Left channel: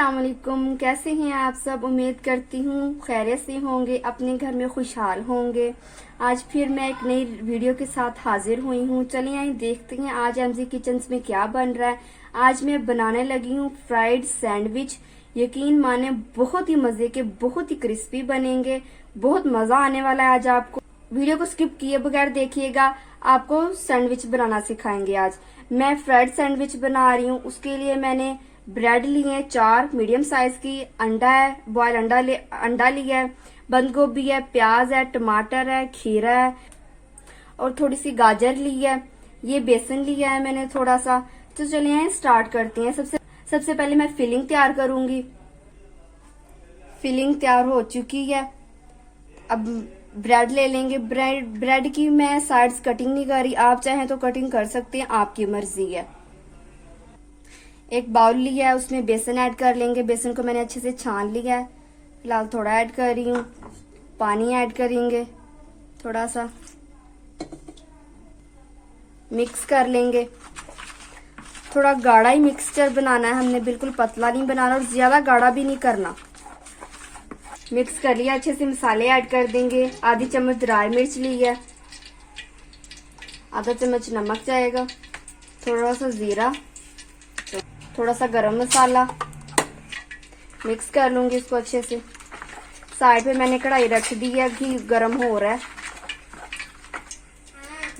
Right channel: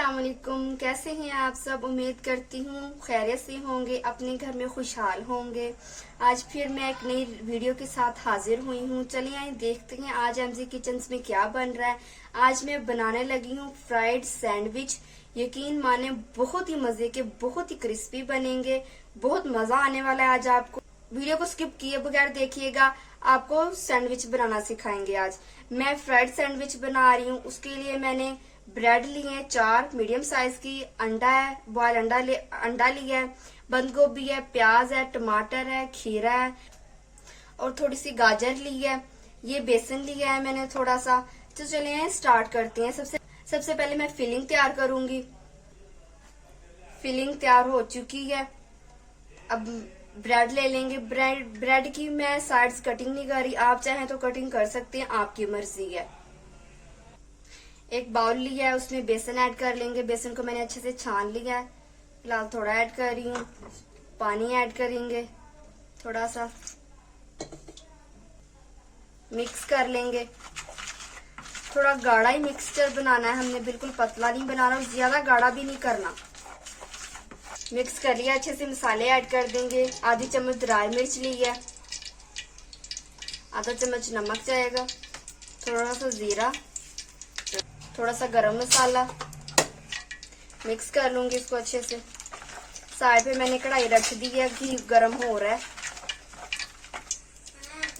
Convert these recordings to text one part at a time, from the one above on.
अस्सलाम वालेकुम। कैसे हैं आप सब? उम्मीद करती हूँ खैरियत से होंगे, अपने घर में खुशहाल होंगे। आज फिर मैं एक नई वीडियो के साथ हाजिर हुई हूँ। चलिए आइए देखते हैं आज एमजी किचन में क्या बन रहा है। आज मैं बनाने लगी हूँ फ्राइड सैंडविच। यकीन माने बहुत ही मजे के, बहुत ही क्रिस्पी बनेंगे। बहुत मजा आने वाला है आज आपको। वीडियो को स्किप किए बगैर देखिएगा, आपको सैंडविच बनाना सिखाएंगे। आज मैं फ्राइड सैंडविच बना रही हूँ। उसके लिए मैंने ब्रेड लिए हैं 4 मीडियम साइज की, अंडा है, बॉयल अंडा लिया है, बंद गोभी है, प्याज है, टमाटर है, खीरा है और थोड़ी सी गाजर ली है। ये बेसन लिया है मैंने थोड़ा सा। तो चलिए स्टार्ट करते हैं। सबसे पहले मैं फिलिंग तैयार करूंगी। फिलिंग तैयार हो चुकी है। अब ब्रेड ले लेंगे। ब्रेड की मैं साइड्स कटिंग नहीं कर रही, आप चाहें तो कटिंग कर सकते हैं, आपकी मर्जी है। एक बाउल लिया है, उसमें बेसन ऐड कर लेंगे। बेसन को मैंने अच्छे से छान लिया है। फिलहाल थोड़ा ऐड कर रही हूँ। पानी ऐड करेंगे थोड़ा सा, मिक्स कर लेंगे। थोड़ा गाढ़ा ही मिक्सचर बनाना है हमने, बिल्कुल पतला नहीं बनाना और ज्यादा गाढ़ा भी नहीं करना। मिक्स कर लिया अच्छे से। मसाले ऐड कर देंगे। आधी चम्मच ड्राई मिर्च ली है, आधा चम्मच नमक जाएगा, थोड़ा सा जीरा, थोड़ा सा गरम मसाला। मिक्स कर लूंगी इसको अच्छे से। साइड पे मैंने कढ़ाई रख दी है, घी गरम हो रहा है।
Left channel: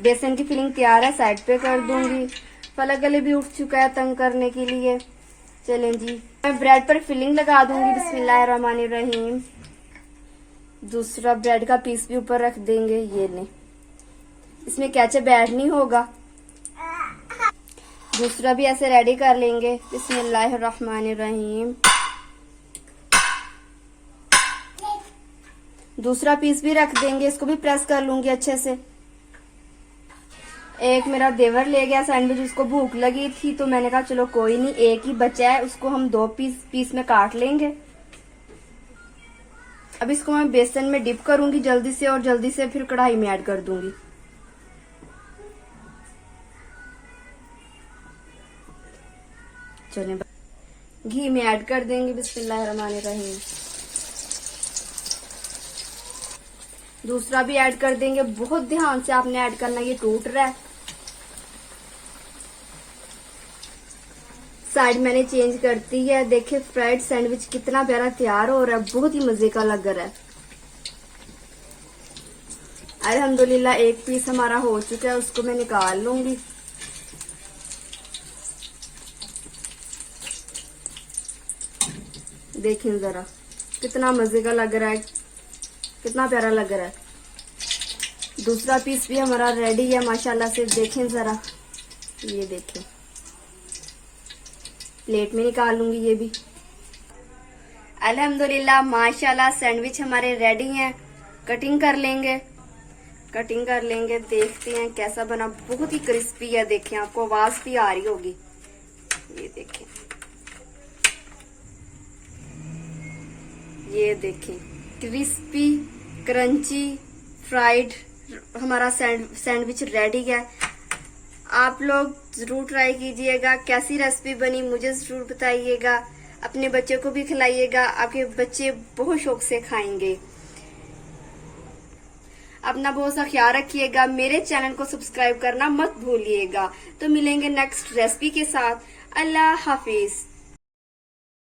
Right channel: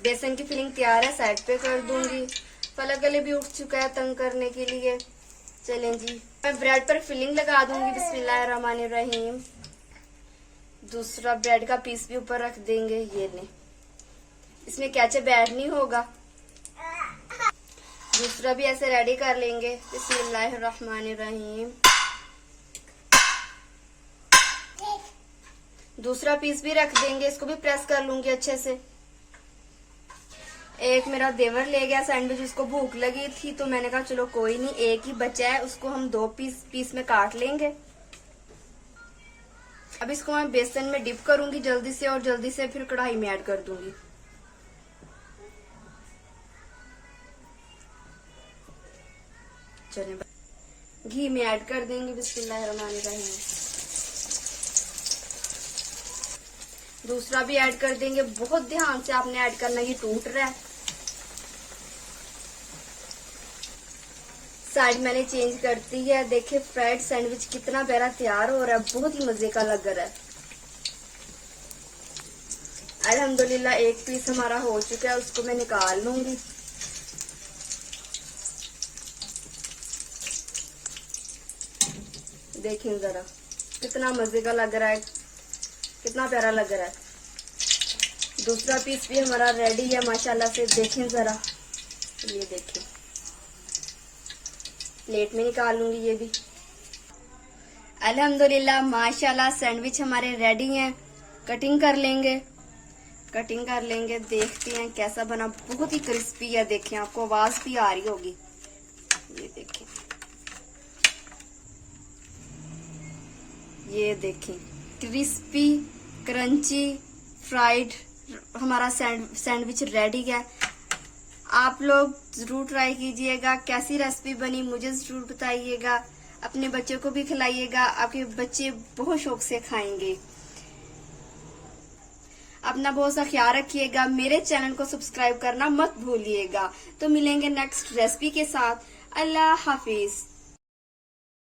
बेसन की फिलिंग तैयार है, साइड पे कर दूंगी। फलक गले भी उठ चुका है तंग करने के लिए। चलें जी, मैं ब्रेड पर फिलिंग लगा दूंगी। बिस्मिल्लाहिर्रहमानिर्रहीम। दूसरा ब्रेड का पीस भी ऊपर रख देंगे। ये नहीं, इसमें केचप ऐड नहीं होगा। दूसरा भी ऐसे रेडी कर लेंगे। बिस्मिल्लाहिर्रहमानिर्रहीम। दूसरा पीस भी रख देंगे, इसको भी प्रेस कर लूंगी अच्छे से। एक मेरा देवर ले गया सैंडविच, उसको भूख लगी थी तो मैंने कहा चलो कोई नहीं, एक ही बचा है, उसको हम 2 पीस में काट लेंगे। अब इसको मैं बेसन में डिप करूंगी जल्दी से, और जल्दी से फिर कढ़ाई में ऐड कर दूंगी। चलिए घी में ऐड कर देंगे। बिस्मिल्लाहिर्रहमानिर्रहीम। दूसरा भी ऐड कर देंगे। बहुत ध्यान से आपने ऐड करना, ये टूट रहा है। साइड मैंने चेंज करती है। देखिए फ्राइड सैंडविच कितना प्यारा तैयार हो रहा है, बहुत ही मजे का लग रहा है। अल्हम्दुलिल्लाह एक पीस हमारा हो चुका है, उसको मैं निकाल लूंगी। देखिए जरा कितना मजे का लग रहा है, कितना प्यारा लग रहा है। दूसरा पीस भी हमारा रेडी है माशाल्लाह से। देखें जरा, ये देखें। प्लेट में निकाल लूंगी ये भी। अल्हम्दुलिल्लाह माशाल्लाह सैंडविच हमारे रेडी हैं। कटिंग कर लेंगे, कटिंग कर लेंगे। देखते हैं कैसा बना। बहुत ही क्रिस्पी है। देखें, आपको आवाज भी आ रही होगी। ये देखें, ये देखें, क्रिस्पी क्रंची फ्राइड हमारा सैंडविच रेडी है। आप लोग जरूर ट्राई कीजिएगा। कैसी रेसिपी बनी मुझे जरूर बताइएगा। अपने बच्चों को भी खिलाइएगा, आपके बच्चे बहुत शौक से खाएंगे। अपना बहुत सा ख्याल रखिएगा। मेरे चैनल को सब्सक्राइब करना मत भूलिएगा। तो मिलेंगे नेक्स्ट रेसिपी के साथ। अल्लाह हाफिज।